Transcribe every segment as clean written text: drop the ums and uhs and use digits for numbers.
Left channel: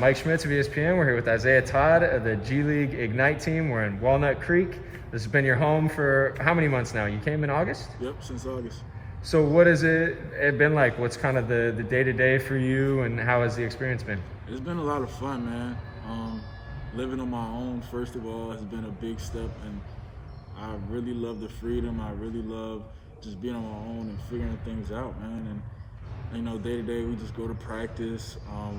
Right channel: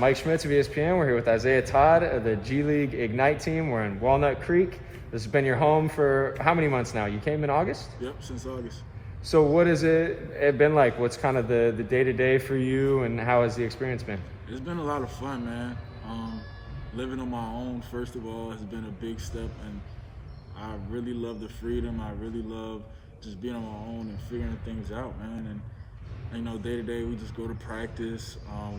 Mike Schmitz of ESPN. We're here with Isaiah Todd of the G League Ignite team. We're in Walnut Creek. This has been your home for how many months now? You came in August? Yep, since August. So what has it been like? What's kind of the day-to-day for you, and how has the experience been? It's been a lot of fun, man. Living on my own, first of all, has been a big step, and I really love the freedom. I really love just being on my own and figuring things out, man. And you know, day to day, we just go to practice.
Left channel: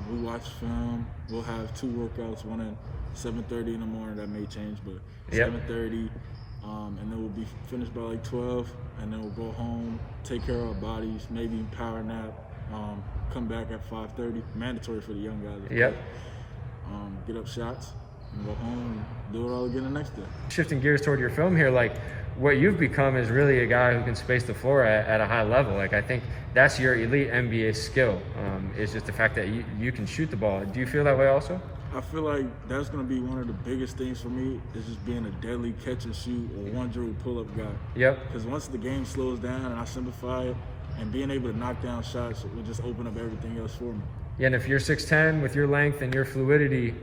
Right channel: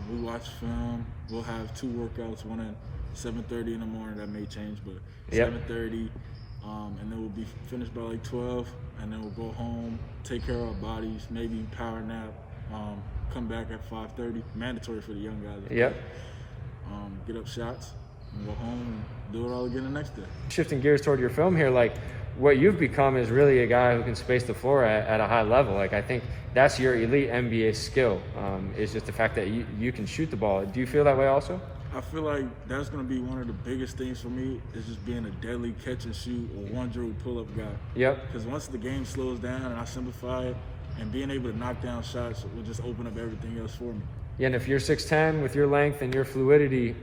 We watch film. We'll have 2 workouts, one at 7:30 in the morning. That may change, but 7:30, and then we'll be finished by like 12, and then we'll go home, take care of our bodies, maybe power nap, come back at 5:30. Mandatory for the young guys. Yep. Get up shots and go home and do it all again the next day. Shifting gears toward your film here, like what you've become is really a guy who can space the floor at a high level. Like I think that's your elite NBA skill. It's just the fact that you can shoot the ball. Do you feel that way also? I feel like that's going to be one of the biggest things for me, is just being a deadly catch and shoot or one dribble pull-up guy. Yep. Because once the game slows down and I simplify it, and being able to knock down shots will just open up everything else for me. Yeah, and if you're 6'10", with your length and your fluidity,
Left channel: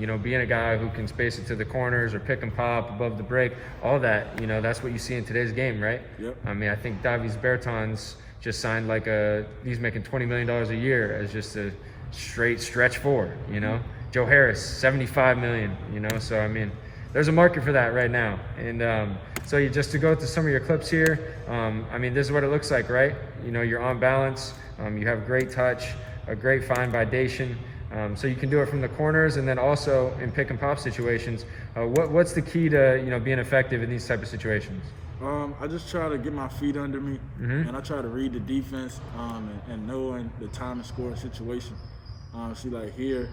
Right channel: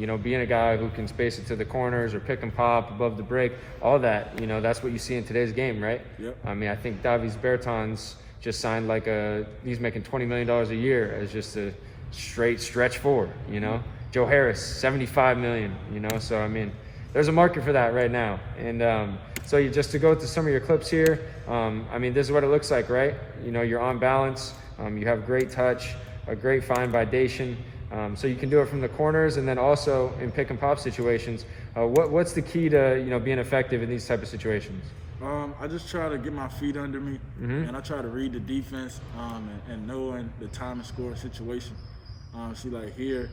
you know, being a guy who can space it to the corners or pick and pop above the break, all that, you know, that's what you see in today's game, right? Yep. I mean, I think Davis Bertans just signed like he's making $20 million a year as just a straight stretch 4, you know? Joe Harris, $75 million, you know? So, I mean, there's a market for that right now. And so just to go to some of your clips here, I mean, this is what it looks like, right? You know, you're on balance, you have great touch, a great fine validation, so you can do it from the corners, and then also in pick and pop situations. What's the key to, you know, being effective in these type of situations? I just try to get my feet under me, and I try to read the defense and knowing the time and score situation. See, like here,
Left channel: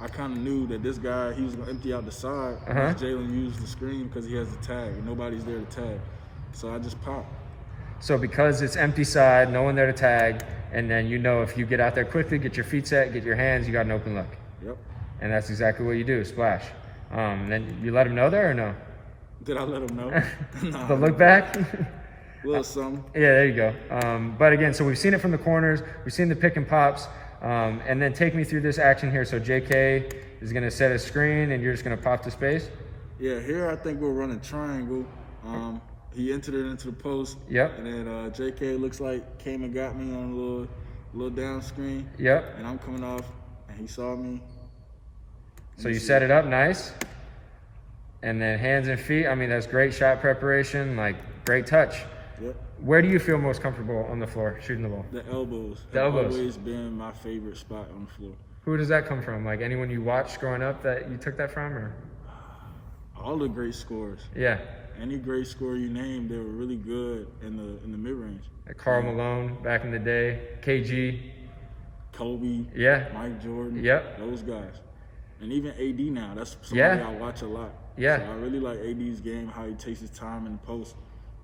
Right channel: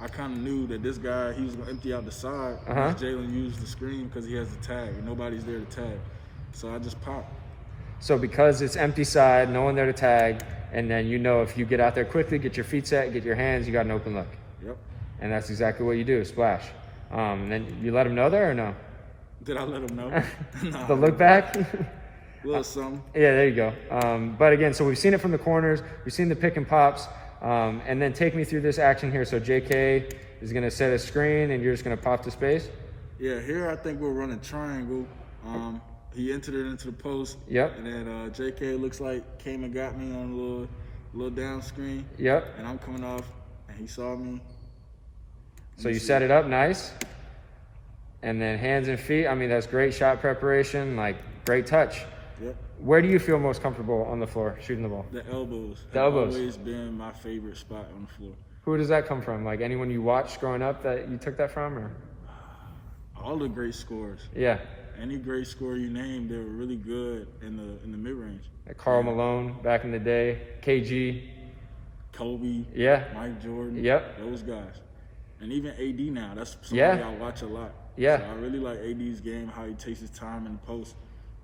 I kind of knew that this guy, he was going to empty out the side. Jalen used the screen because he has the tag, and nobody's there to tag. So I just pop. So because it's empty side, no one there to tag, and then you know if you get out there quickly, get your feet set, get your hands, you got an open look. Yep. And that's exactly what you do, splash. Then you let them know there or no? Did I let them know? No. The look back? A little something. Yeah, there you go. But again, so we've seen it from the corners, we've seen the pick and pops, and then take me through this action here. So JK is going to set a screen, and you're just going to pop to space? Yeah, here I think we're running triangle. He entered it into the post. Yep. And then JK looks like came and got me on a little down screen. Yep. And I'm coming off, and he saw me. So you set it up nice. And then hands and feet, I mean, that's great shot preparation, like great touch. Yep. Where do you feel most comfortable on the floor shooting the ball? The elbows. The elbows. Always been my favorite spot on the floor. Who does that come from? Like anyone you watched growing up that you took that from, or? All the great scorers. Yeah. Any great scorer you name, they were really good in the mid-range. Like Karl Malone back in the day, KG. Kobe. Yeah. Mike Jordan. Yep. Those guys. And even AD now. That's somebody I watch a lot. Yeah. So I really like AD's game, how he takes his time in the post.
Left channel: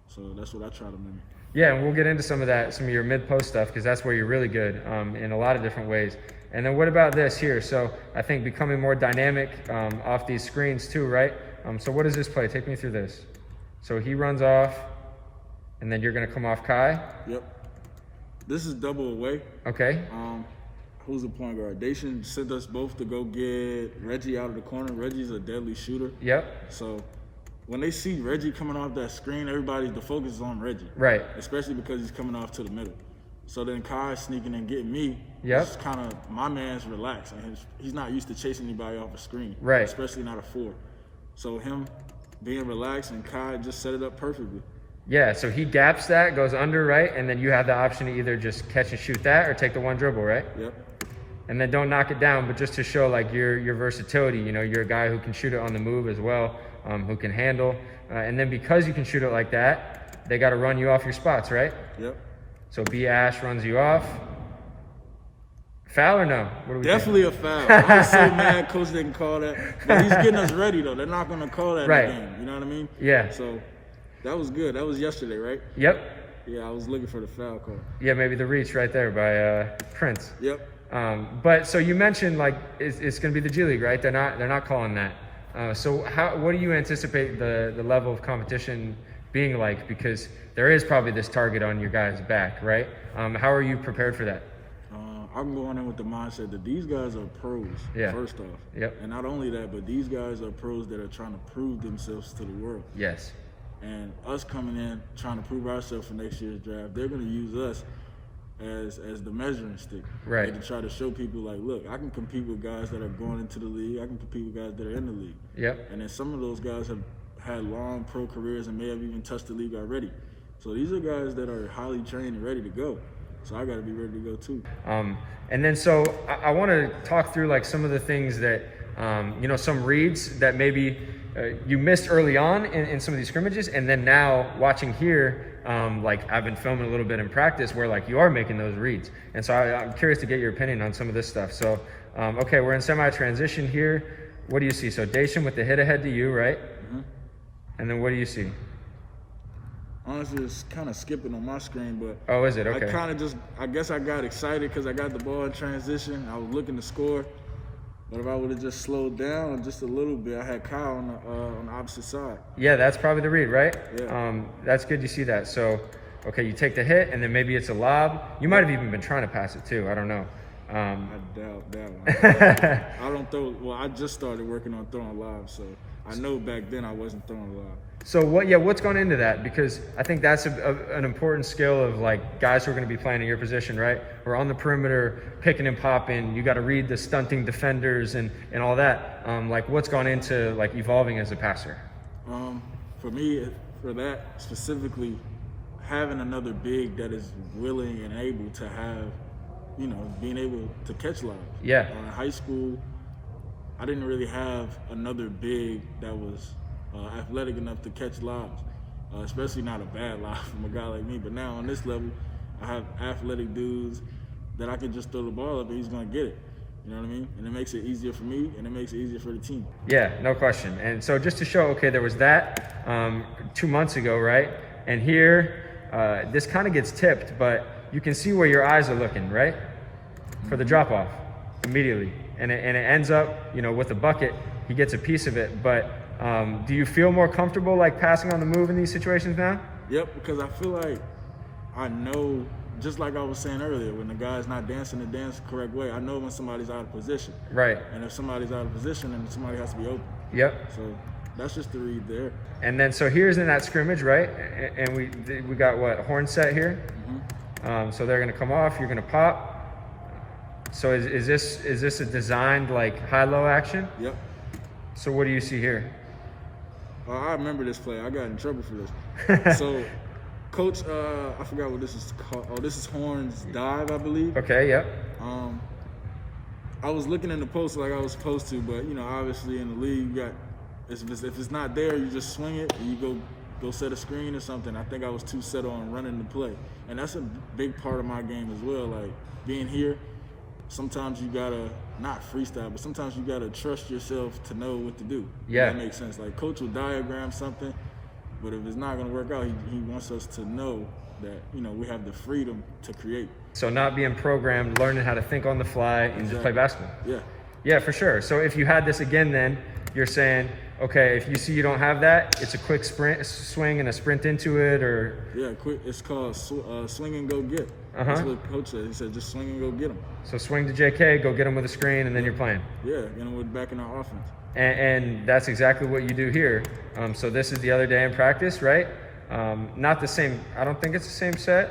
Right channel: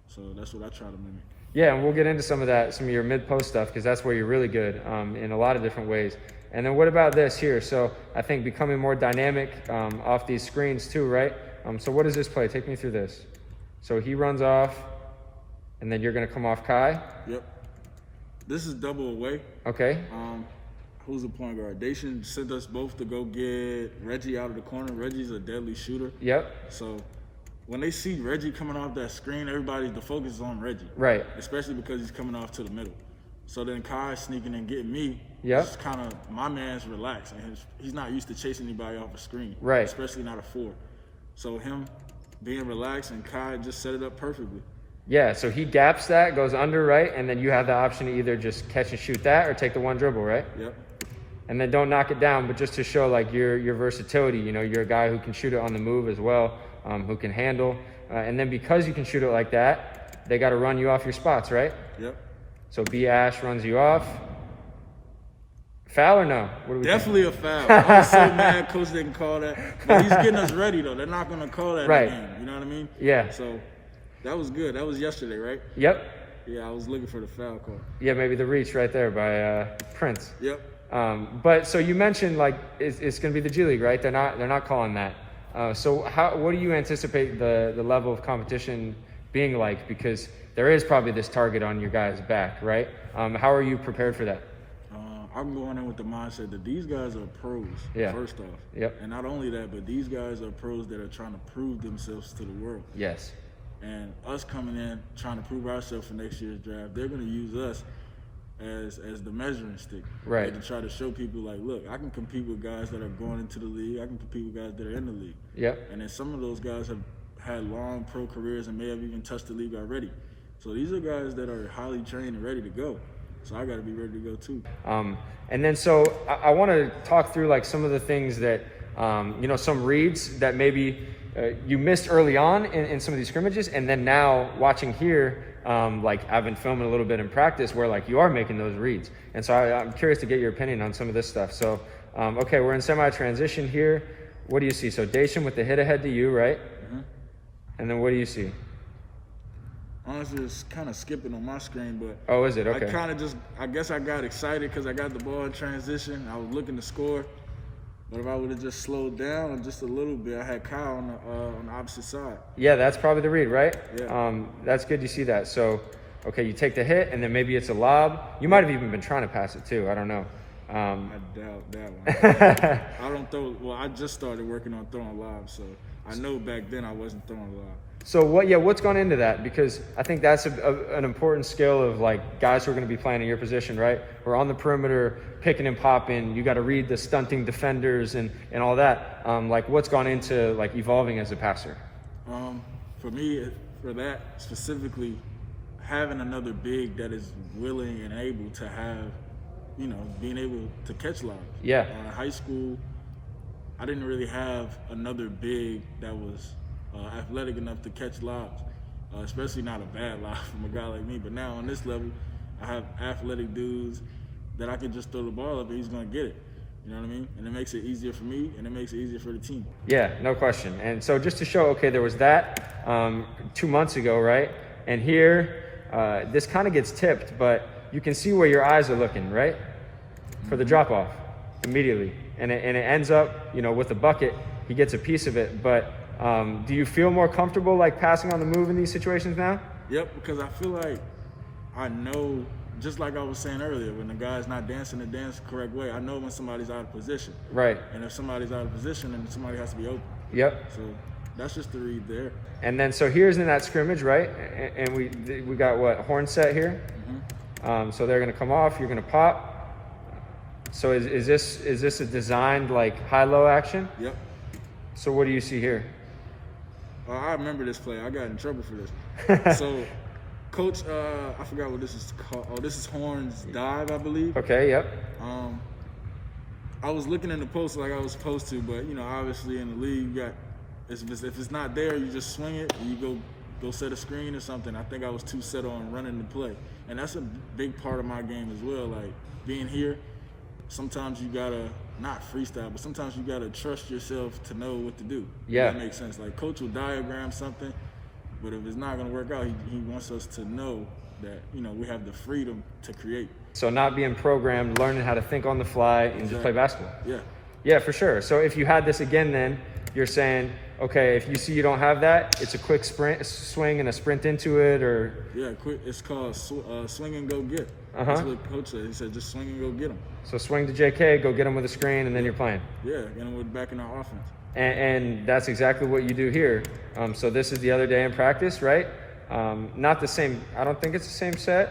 So that's what I try to mimic. Yeah, and we'll get into some of that, some of your mid-post stuff, because that's where you're really good in a lot of different ways. And then what about this here? So I think becoming more dynamic off these screens too, right? So what does this play? Take me through this. So he runs off, and then you're going to come off Kai? Yep. This is double away. Okay. Who's the point guard? They should send us both to go get Reggie out of the corner. Reggie's a deadly shooter. Yep. So when they see Reggie coming off that screen, the focus is on Reggie. Right. Especially because he's coming off to the middle. So then Kai's sneaking and getting me. Yep. It's kind of, my man's relaxed. And he's not used to chasing anybody off a screen. Right. Especially not a 4. So him being relaxed, and Kai just set it up perfectly. Yeah, so he gaps that, goes under, right? And then you have the option to either just catch and shoot that or take the one dribble, right? Yep. And then don't knock it down, but just to show like your versatility, you know, you're a guy who can shoot it on the move as well, who can handle. And then because you can shoot it like that, they got to run you off your spots, right? Yep. So B. Ash runs you off. Foul or no? Definitely a foul. I was so mad Coach didn't call that. But he's getting us ready, though. They're not going to call that in the game. You know what I mean? Yeah. So that was good. That was yesterday, right? Yep. Yeah, I was looking for the foul call. Yeah, maybe the reach right there by Prince. Yep. But so you mentioned like it's going to be the G League, right? They're not calling that. So what do you anticipate the level of competition being like? Because there is probably this target on your guys' back, right? How are you prepared for that? I'm going in with the mindset that these guys are pros, first off. Yep. And not only that, but these guys are pros that are trying to prove themselves to the world. Yes. And us coming in, trying to prove ourselves for next year's draft, they're going to use us as the measuring stick. Right. To try to show people, like, look, I can compete with guys that are going into the league. I can compete with guys that are in the league. Yep. And then some of those guys have had long pro careers and may have even touched the league already. So these are guys that are highly trained and ready to go. So I got to be ready to go too. And then so I want to talk through like some of the things that, some reads that maybe you missed early on in some of these scrimmages. And then now watching here, like I've been filming a little bit in practice where like you are making those reads. And so I'm curious to get your opinion on some of this stuff. So, okay, we're in semi-transition here. What do you see? So Dacian with the hit ahead to you, right? Mm-hmm. And then what do you see? Honestly, it's kind of skipping on my screen, but oh, is it? Okay. I kind of I guess I got excited because I got the ball in transition. I was looking to score, but if I would have just slowed down just a little bit, I had Kyle on the opposite side. Yeah, that's probably the read, right? Yeah. That's good to see that. So, okay, you take the hit, and then maybe it's a lob. You might have even been trying to pass it too. I don't know. I doubt that one. I don't throw. Well, I just started working on throwing lobs, so I know back then I wasn't throwing lobs. So what's gone into that? Because I think that's an important skill of like guys who are going to be playing in your position, right? We're on the perimeter, picking and popping. You got to read the stunting defenders and all that. Like what's gone into like evolving as a passer? For me, for that specifically, having another big that is willing and able to have, being able to catch lobs. Yeah. In high school, I didn't really have another big that was athletic enough to catch lobs, especially not a bad lob from a guy like me. But now on this level, I have athletic dudes that I can just throw the ball up and he's going to get it. You know what I mean? And it makes it easier for me and it makes it easier for the team. Yeah, no question. And so just to show, okay, there was that 2 months ago, right? And here, this kind of gets tipped, but you can see where your eyes are looking, right? For the drop off immediately. And it ends up, with a bucket, he gets a piece of it. But do you feel more comfortable like passing on the move in these situations now? Yep, because I feel like I know, just like I was saying earlier, when the guy's not dancing the dance the correct way, I know when somebody's out of position. Right. And if somebody's out of position, then somebody has to be open. Yep. So that's just the read there. And then so here's in that scrimmage, right? And we got what, horn set here? Mm-hmm. So they're gonna come off, you're gonna pop. So is this a designed like high-low action? Yep. So what do you see here? I remember this play. I got in trouble for this. So, coach, I forgot what this is called. Oh, this is Horn's dive, I believe. Okay, yep. I was looking in the post like I was supposed to, but obviously in the league, you got if it's not there, you just swing it and you go set a screen or something. I think I was too set on running the play, and that's a big part of my game as well. Like being here, sometimes you gotta not freestyle, but sometimes you gotta trust yourself to know what to do. Yeah, that makes sense. Like coach will diagram something, but if it's not gonna work out, he wants us to know that we have the freedom to create. So not being programmed, learning how to think on the fly and just play basketball. Yeah, for sure. So if you had this again, then you're saying, okay, if you see you don't have that, it's a quick swing and a sprint into it, or quick. It's called swing and go get. That's what coach said. He said just swing and go get them. So swing to JK, go get them with a screen, and then you're playing. Yeah, and we're back in our offense. And that's exactly what you do here. So this is the other day in practice, right? Not the same. I don't think it's the same set,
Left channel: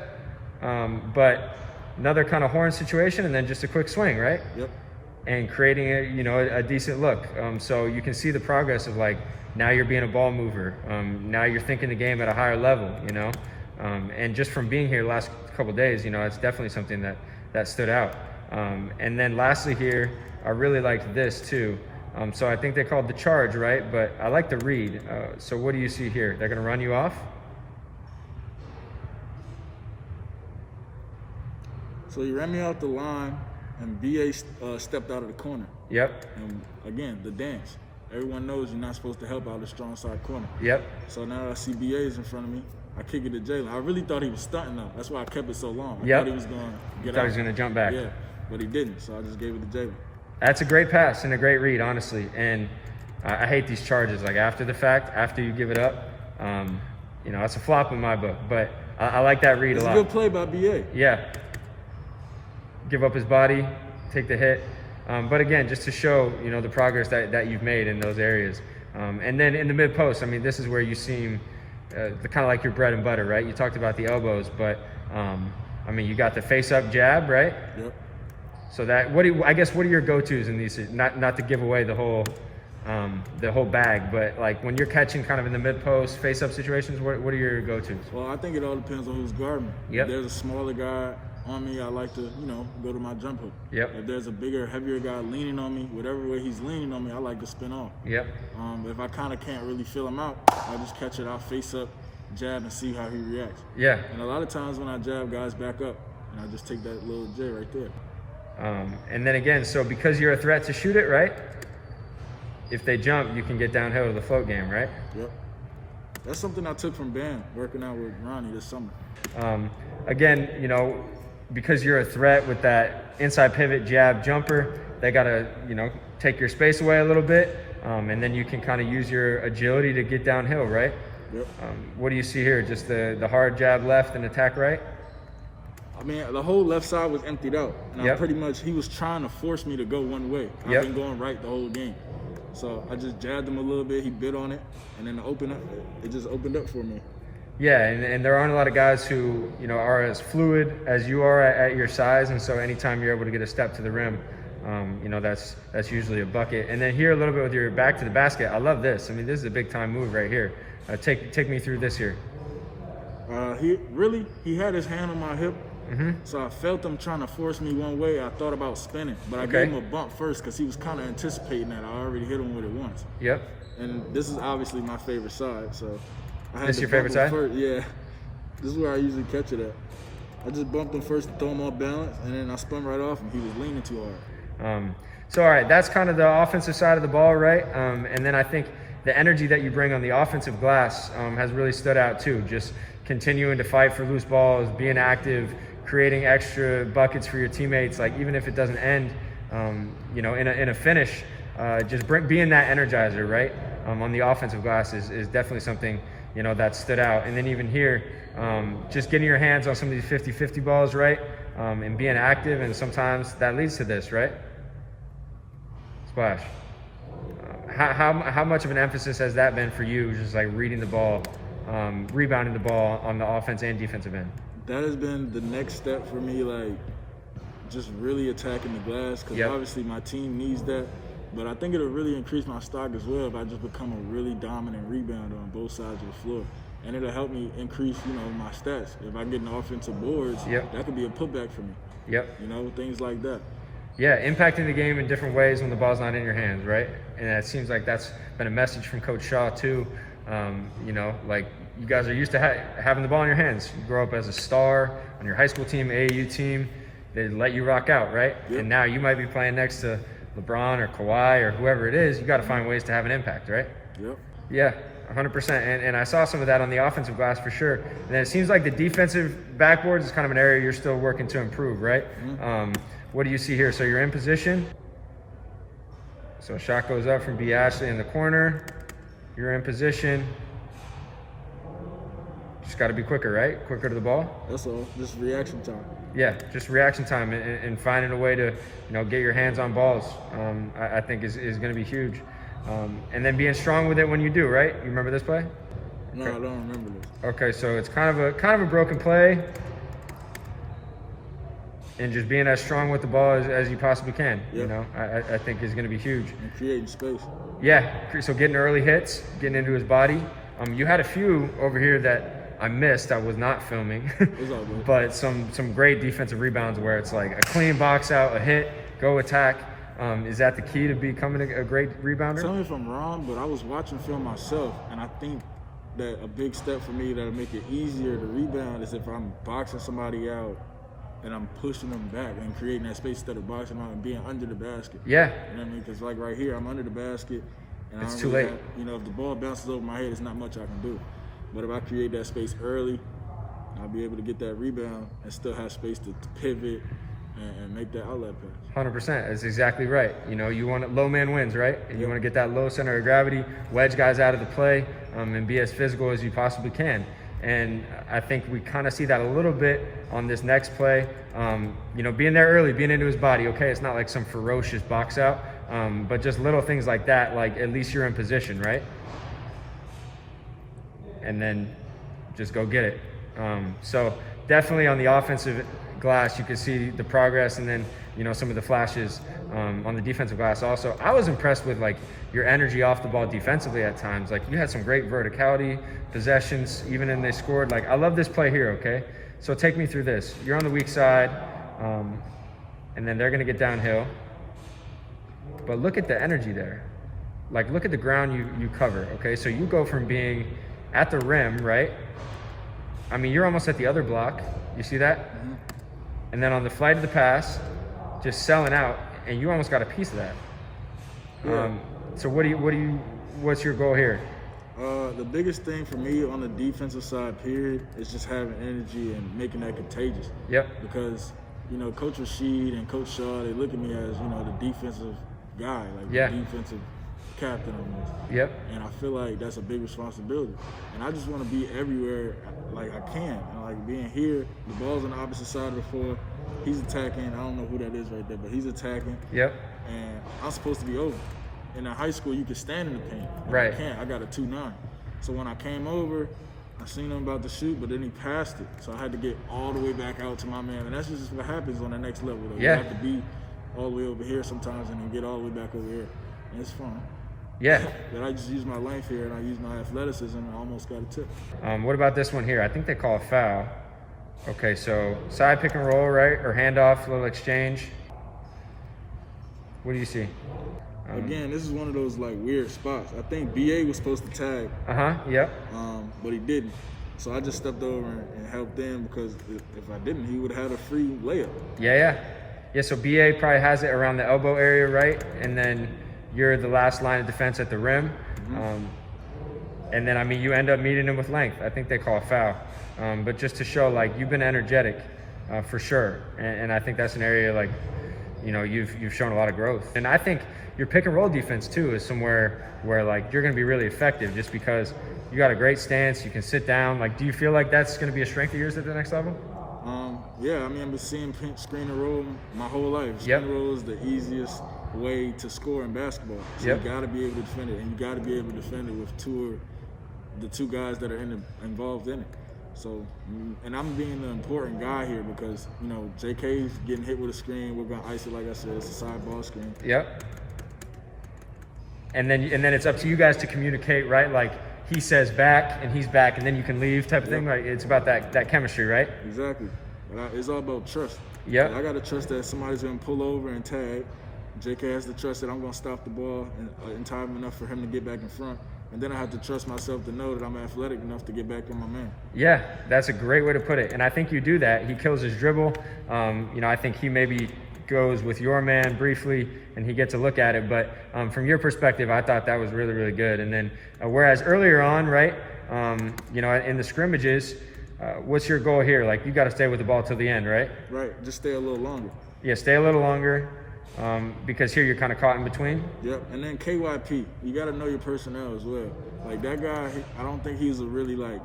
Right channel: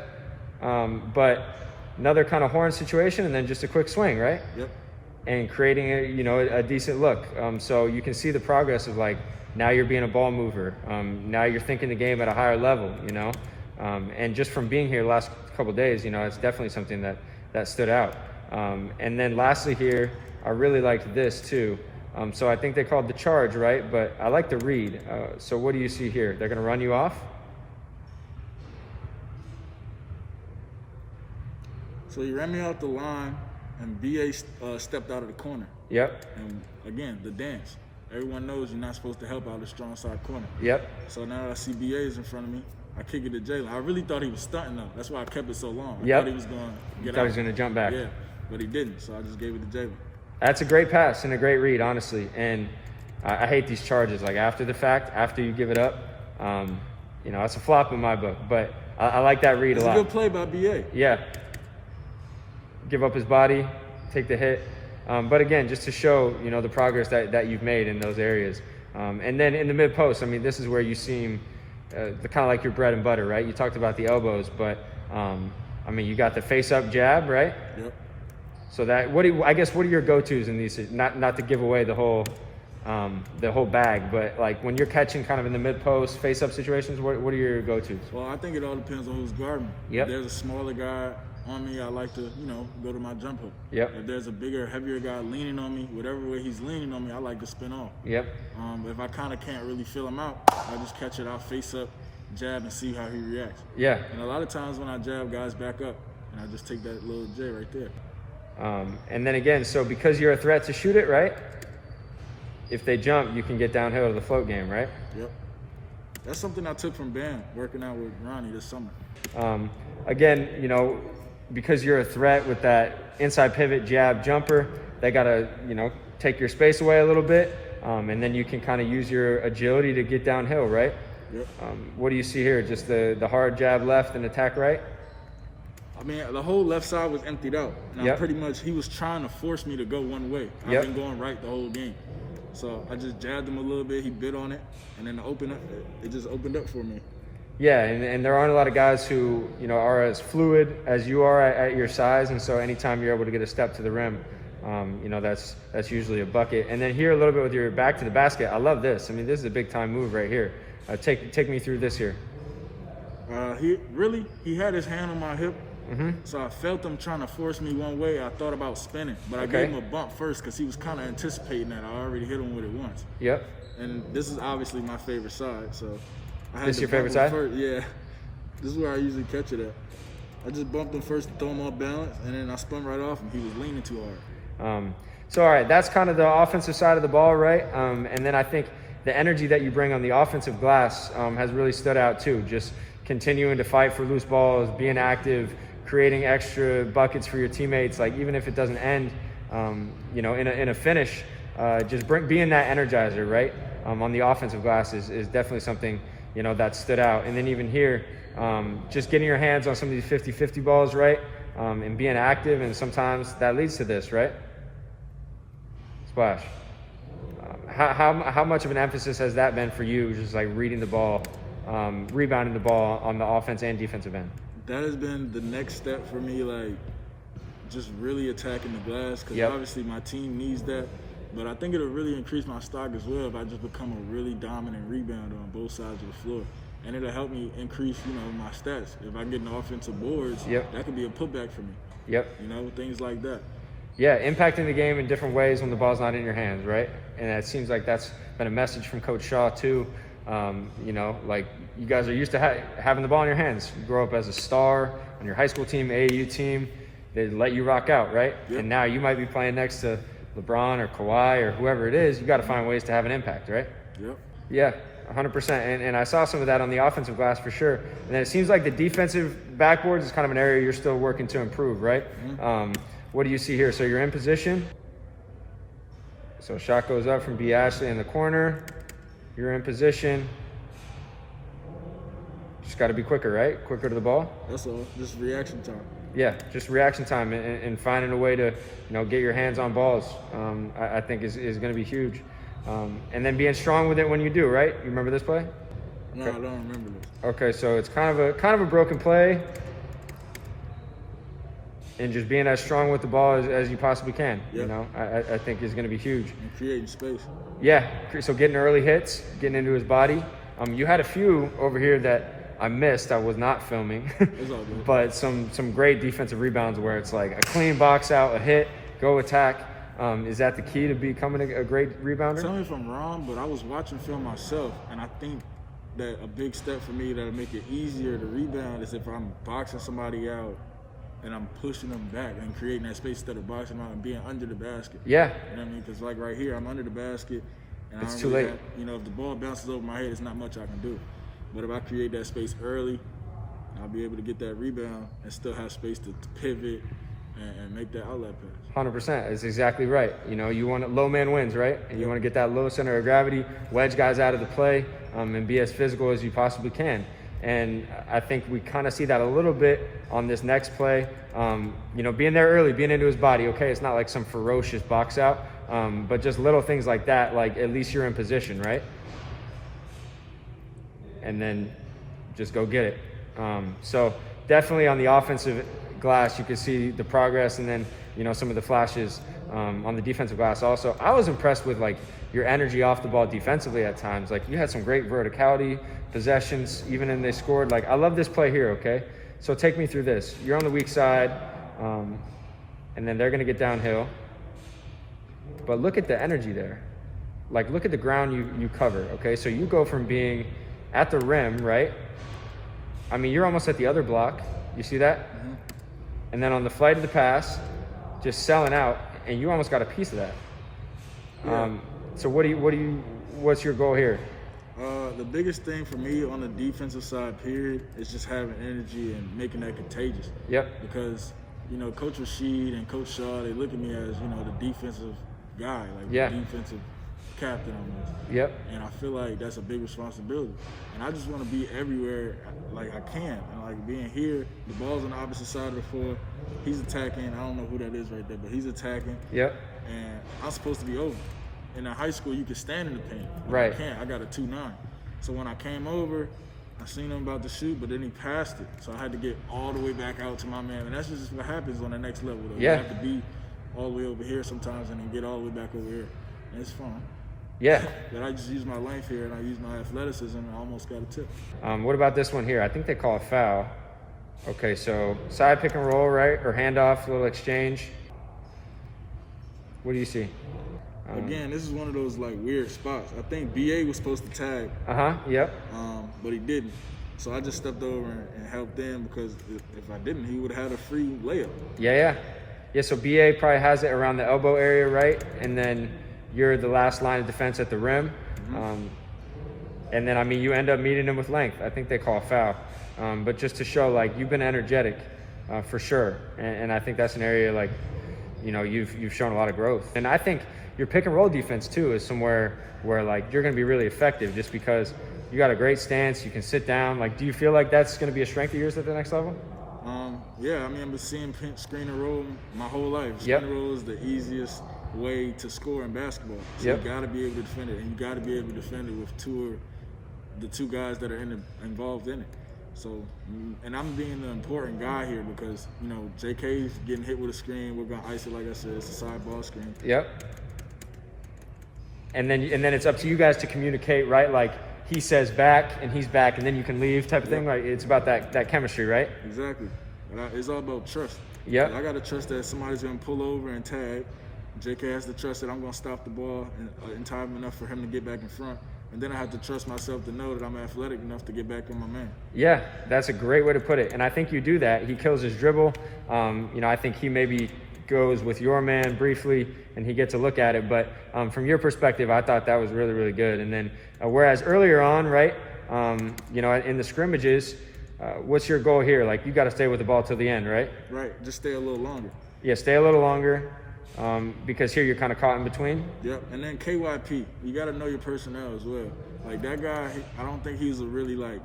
but another kind of horn situation, and then just a quick swing, right? Yep. And creating a decent look. So you can see the progress of like now you're being a ball mover. Now you're thinking the game at a higher level. And just from being here the last couple of days, it's definitely something that stood out. And then lastly here, I really liked this too. So I think they called the charge, right? But I like the read. So what do you see here? They're going to run you off? So you ran me out the line, and BA stepped out of the corner. Yep. And again, the dance. Everyone knows you're not supposed to help out the strong side corner. Yep. So now that I see BA is in front of me, I kick it to Jalen. I really thought he was stunting though. That's why I kept it so long. I thought he was going to get out. He was going to jump back. Yeah, but he didn't. So I just gave it to Jalen. That's a great pass and a great read, honestly. And I hate these charges. Like after the fact, after you give it up, that's a flop in my book. But I like that read a lot. It's a good play by BA. Yeah. give up his body, take the hit. But again, just to show, the progress that you've made in those areas. And then in the mid post, I mean, this is where you seem the kind of like your bread and butter, right? You talked about the elbows, but I mean, you got the face up jab, right? Yep. So that, what are your go-tos in these? Not to give away the whole bag, but like when you're catching kind of in the mid post face up situations, what are your go-tos? Well, I think it all depends on who's guarding. Yep. If there's a smaller guy on me, I like to, go to my jump hook. Yep. If there's a bigger, heavier guy leaning on me, whatever way he's leaning on me, I like to spin off. Yep. If I kind of can't really feel him out, I just catch it out face up, jab, and see how he reacts. Yeah. And a lot of times when I jab, guys back up, and I just take that little J right there. And then again, so because you're a threat to shoot it, right? If they jump, you can get downhill to the float game, right? Yep. That's something I took from Bam, working out with Ronnie this summer. Again, because you're a threat with that inside pivot jab jumper, they gotta, take your space away a little bit, and then you can kind of use your agility to get downhill, right? Yep. What do you see here? Just the hard jab left and attack right? I mean, the whole left side was emptied out. And Yep. he was trying to force me to go one way. I've Yep. been going right the whole game. So I just jabbed him a little bit, he bit on it, and then it just opened up for me. Yeah, and there aren't a lot of guys who, are as fluid as you are at your size, and so anytime you're able to get a step to the rim, that's usually a bucket. And then here a little bit with your back to the basket. I love this. I mean, this is a big time move right here. Take me through this here. He had his hand on my hip, Mm-hmm. so I felt him trying to force me one way. I thought about spinning, but I Okay. gave him a bump first because he was kind of anticipating that. I already hit him with it once. Yep. And this is obviously my favorite side, so I had This to your bump favorite him side? first. Yeah, this is where I usually catch it at. I just bumped him first to throw him off balance, and then I spun right off him. He was leaning too hard. So all right, that's kind of the offensive side of the ball, right? And then I think the energy that you bring on the offensive glass has really stood out too. Just continuing to fight for loose balls, being active, creating extra buckets for your teammates. Like even if it doesn't end, in a finish, just being that energizer, right? On the offensive glass is definitely something that stood out. And then even here, just getting your hands on some of these 50-50 balls, right? And being active, and sometimes that leads to this, right? Splash. How much of an emphasis has that been for you, just like reading the ball, rebounding the ball on the offense and defensive end? That has been the next step for me, like just really attacking the glass, because Yep. obviously my team needs that. But I think it'll really increase my stock as well if I just become a really dominant rebounder on both sides of the floor. And it'll help me increase, my stats. If I get an offensive boards, Yep. that could be a putback for me. Yep. Things like that. Yeah, impacting the game in different ways when the ball's not in your hands, right? And it seems like that's been a message from Coach Shaw too. Like you guys are used to having the ball in your hands. You grow up as a star on your high school team, AAU team. They let you rock out, right? Yep. And now you might be playing next to LeBron or Kawhi or whoever it is. You got to find ways to have an impact, right? Yep. Yeah, 100%. And I saw some of that on the offensive glass for sure. And then it seems like the defensive backboards is kind of an area you're still working to improve, right? Mm-hmm. What do you see here? So you're in position. So shot goes up from B. Ashley in the corner. You're in position. Just got to be quicker, right? Quicker to the ball. That's all. Just reaction time. Yeah, just reaction time and finding a way to, get your hands on balls. I think is going to be huge. And then being strong with it when you do, right? You remember this play? No, I don't remember this. Okay, so it's kind of a broken play, and just being as strong with the ball as you possibly can. Yep. I think is going to be huge. And creating space. Yeah, so getting early hits, getting into his body. You had a few over here that I missed. I was not filming. It's all good. But some great defensive rebounds where it's like a clean box out, a hit, go attack. Is that the key to becoming a great rebounder? Tell me if I'm wrong, but I was watching film myself, and I think that a big step for me that'll make it easier to rebound is if I'm boxing somebody out and I'm pushing them back and creating that space instead of boxing them out and being under the basket. Yeah. You know what I mean? Because like right here, I'm under the basket, and It's I don't too really late. have, if the ball bounces over my head, it's not much I can do. But if I create that space early, I'll be able to get that rebound and still have space to pivot and make that outlet pass. 100%. That's exactly right. You want low man wins, right? And you Yep. want to get that low center of gravity, wedge guys out of the play, and be as physical as you possibly can. And I think we kind of see that a little bit on this next play. You know, being there early, being into his body, okay, it's not like some ferocious box out, but just little things like that, like at least you're in position, right? And then just go get it. So definitely on the offensive glass, you can see the progress, and then, you know, some of the flashes on the defensive glass also. I was impressed with like your energy off the ball defensively at times. Like you had some great verticality, possessions, even when they scored. Like I love this play here, okay? So take me through this. You're on the weak side, and then they're gonna get downhill. But look at the energy there. Like look at the ground you cover, okay? So you go from being at the rim, right? I mean, you're almost at the other block. You see that? Mm-hmm. And then on the flight of the pass, just selling out, and you almost got a piece of that. Yeah. So what's your goal here? The biggest thing for me on the defensive side, period, is just having energy and making that contagious. Yep. Because, you know, Coach Rashid and Coach Shaw, they look at me as, you know, the defensive guy, like the defensive captain almost. Yep. And I feel like that's a big responsibility. And I just want to be everywhere like I can. And like being here, the ball's on the opposite side of the floor. He's attacking. I don't know who that is right there, but he's attacking. Yep. And I'm supposed to be over. In high school, you could stand in the paint. Right. I can't. I got a 2.9. So when I came over, I seen him about to shoot, but then he passed it. So I had to get all the way back out to my man. And that's just what happens on the next level, though. Yeah. You have to be all the way over here sometimes and then get all the way back over here. And it's fun. Yeah. But I just use my length here and I use my athleticism and I almost got a tip. What about this one here? I think they call a foul. Okay, so side pick and roll, right? Or handoff, little exchange. What do you see? Again, this is one of those like weird spots. I think BA was supposed to tag. Yep. But he didn't. So I just stepped over and helped them because if I didn't, he would have had a free layup. Yeah. So BA probably has it around the elbow area, right? And then you're the last line of defense at the rim. Mm-hmm. And then, I mean, you end up meeting him with length. I think they call a foul. But just to show, like, you've been energetic for sure. And I think that's an area, like, you know, you've shown a lot of growth. And I think your pick and roll defense too is somewhere where like you're going to be really effective just because you got a great stance, you can sit down. Like, do you feel like that's going to be a strength of yours at the next level? Yeah, I mean, I've been seeing screen and roll my whole life. Screen and roll is the easiest way to score in basketball. So you got to be able to defend it, and you got to be able to defend it with the two guys that are involved in it. So, and I'm being the important guy here because, you know, JK's getting hit with a screen. We're going to ice it, like I said. It's a side ball screen. Yep. And then it's up to you guys to communicate, right? Like he says back and he's back and then you can leave type of thing. Like it's about that chemistry, right? Exactly. But it's all about trust. Yeah. I got to trust that somebody's going to pull over and tag. JK has to trust that I'm going to stop the ball in time enough for him to get back in front. And then I have to trust myself to know that I'm athletic enough to get back on my man. Yeah, that's a great way to put it. And I think you do that. He kills his dribble. You know, I think he maybe goes with your man briefly and he gets a look at it. But from your perspective, I thought that was really, really good. And then whereas earlier on, right, you know, in the scrimmages, what's your goal here? Like, you got to stay with the ball till the end, right? Right, just stay a little longer. Yeah, stay a little longer. Because here you're kind of caught in between. Yep, and then KYP, you got to know your personnel as well. Like that guy, I don't think he's a really like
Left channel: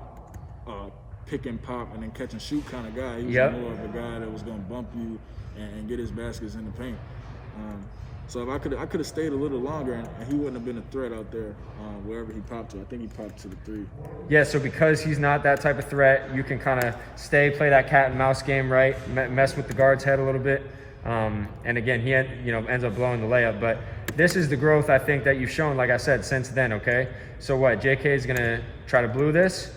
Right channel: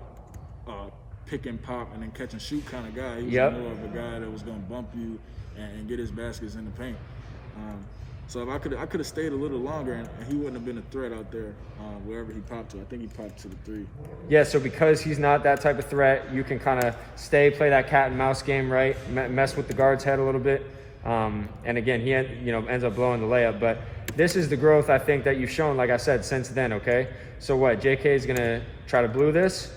pick and pop and then catch and shoot kind of guy. He was more of a guy that was gonna bump you and get his baskets in the paint. So if I could have stayed a little longer and he wouldn't have been a threat out there wherever he popped to. I think he popped to the 3. Yeah, so because he's not that type of threat, you can kind of play that cat and mouse game, right? Mess with the guard's head a little bit. And again, he ends up blowing the layup. But this is the growth I think that you've shown, like I said, since then, okay? So what, JK is going to try to blue this.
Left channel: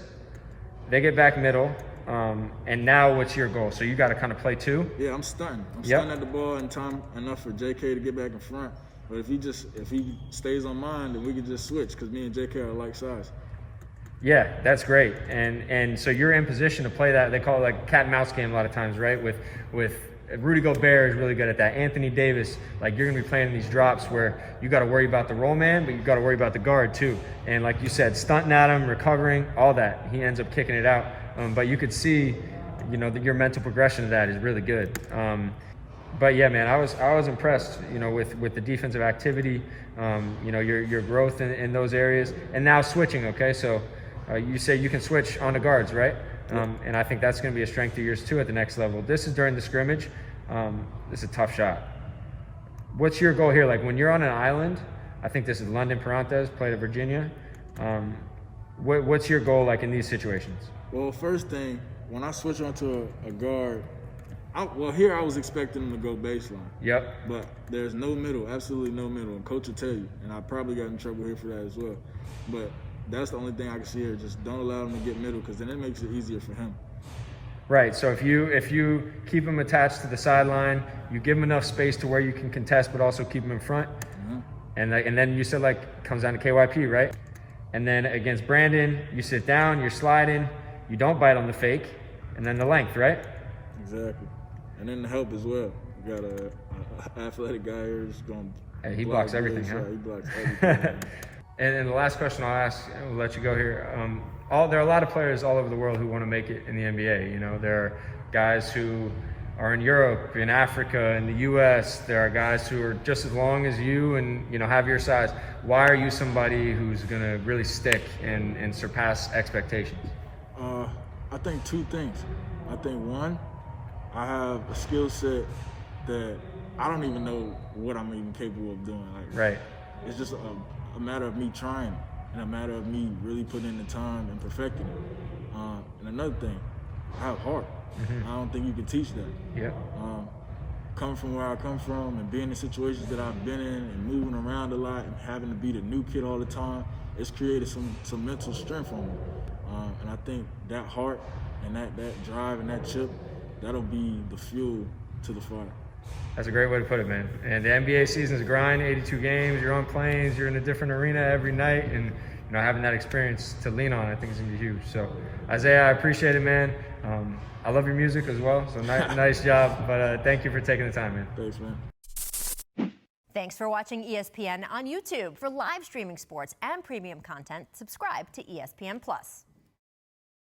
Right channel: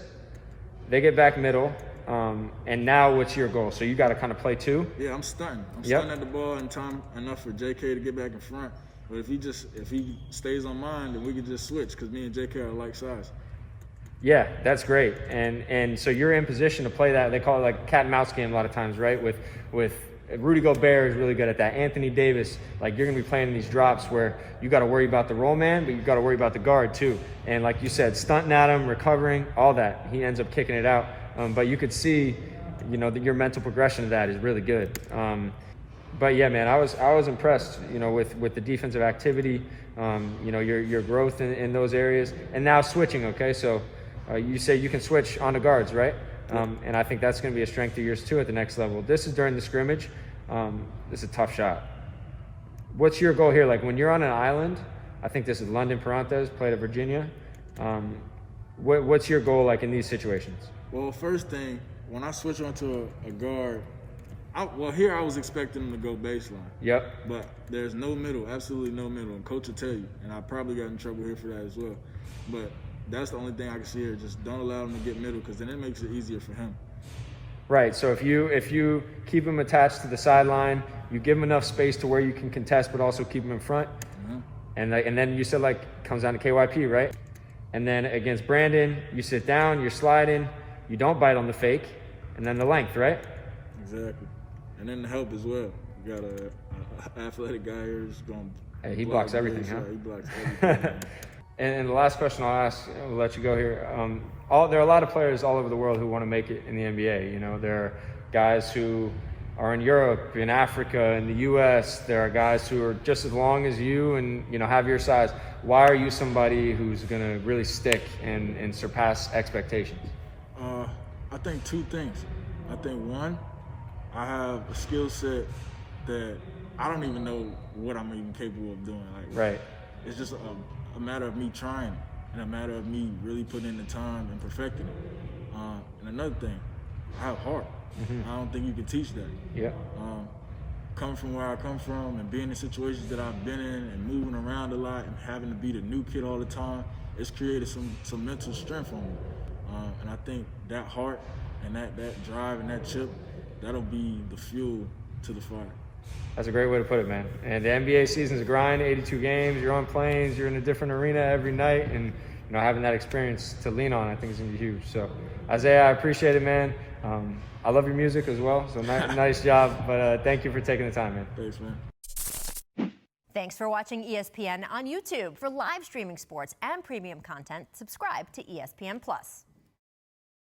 They get back middle. And now what's your goal? So you got to kind of play two? Yeah, I'm stunting. I'm stunting at the ball in time enough for JK to get back in front. But if he stays on mine, then we can just switch because me and JK are like size. Yeah, that's great. And so you're in position to play that. They call it like cat and mouse game a lot of times, right? With Rudy Gobert is really good at that. Anthony Davis, like you're going to be playing these drops where you got to worry about the roll man, but you got to worry about the guard too. And like you said, stunting at him, recovering, all that. He ends up kicking it out. But you could see, you know, that your mental progression of that is really good. But yeah, man, I was impressed, you know, with the defensive activity, you know, your growth in those areas. And now switching, okay? So You say you can switch on the guards, right? And I think that's going to be a strength of yours too at the next level. This is during the scrimmage. This is a tough shot. What's your goal here? Like when you're on an island, I think this is London Parantes, played at Virginia. What's your goal like in these situations? Well, first thing, when I switch onto a guard, here I was expecting him to go baseline. Yep. But there's no middle, absolutely no middle. And coach will tell you, and I probably got in trouble here for that as well. But that's the only thing I can see here. Just don't allow him to get middle, because then it makes it easier for him. Right. So if you keep him attached to the sideline, you give him enough space to where you can contest, but also keep him in front. And then you said like comes down to KYP, right? And then against Brandon, you sit down, you're sliding, you don't bite on the fake, and then the length, right? Exactly. And then the help as well. You got a athletic guy here who's going to he blocks everything. Huh? He blocks everything. And the last question I'll ask, we'll let you go here. There are a lot of players all over the world who want to make it in the NBA. You know, there are guys who are in Europe, in Africa, in the U.S. There are guys who are just as long as you and, you know, have your size. Why are you somebody who's going to really stick and surpass expectations? I think two things. I think one, I have a skill set that I don't even know what I'm even capable of doing. Like, right. It's just a matter of me trying and a matter of me really putting in the time and perfecting it. And another thing, I have heart. I don't think you can teach that. Yeah. Coming from where I come from and being in situations that I've been in and moving around a lot and having to be the new kid all the time, it's created some mental strength on me. And I think that heart and that drive and that chip, that'll be the fuel to the fire. That's a great way to put it, man. And the NBA season's a grind, 82 games, you're on planes, you're in a different arena every night, and you know, having that experience to lean on, I think is gonna be huge. So, Isaiah, I appreciate it, man. I love your music as well, so nice job. But thank you for taking the time, man. Thanks, man. Thanks for watching ESPN on YouTube. For live streaming sports and premium content, subscribe to ESPN+.